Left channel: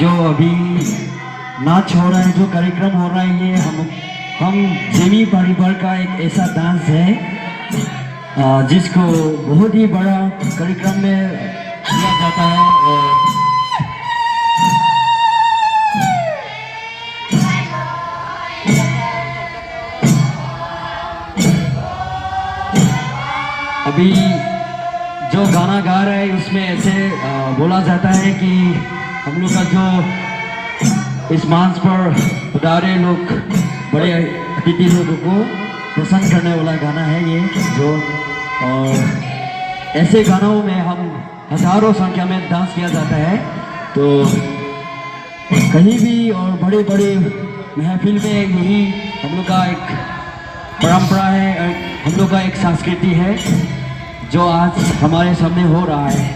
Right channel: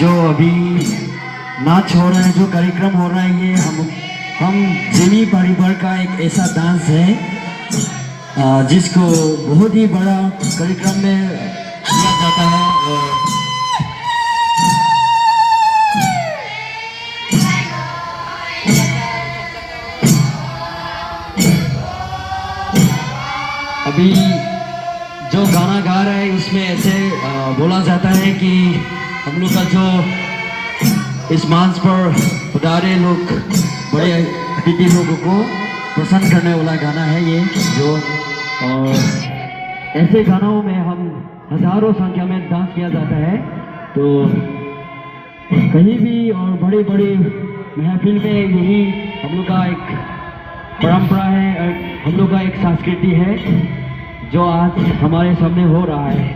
जो अभी नाच हो रहा है, जो कार्यक्रम हो रहा है, ये हम जिमी परिवार का एक ऐसा डांस है जिसको बहुत ही बड़ा कार्यक्रम में किया जाता है। और अभी जो गाना गा रहा है उसमें ऐसे बोला जाता है कि हम लोग का जो इस मंच पर पधारे लोग, बड़े अतिथि लोगों को पसंद करने वाला गाना है ये। जो ऐसे गानों में हम हजारों संख्या में डांस किया जाता है, तो कहीं भी और बड़े बड़े महफिल में यही हम लोग का एक परंपरा है, हम लोग का एक संस्कृति है जो आज हमारे सामने हो रहा है।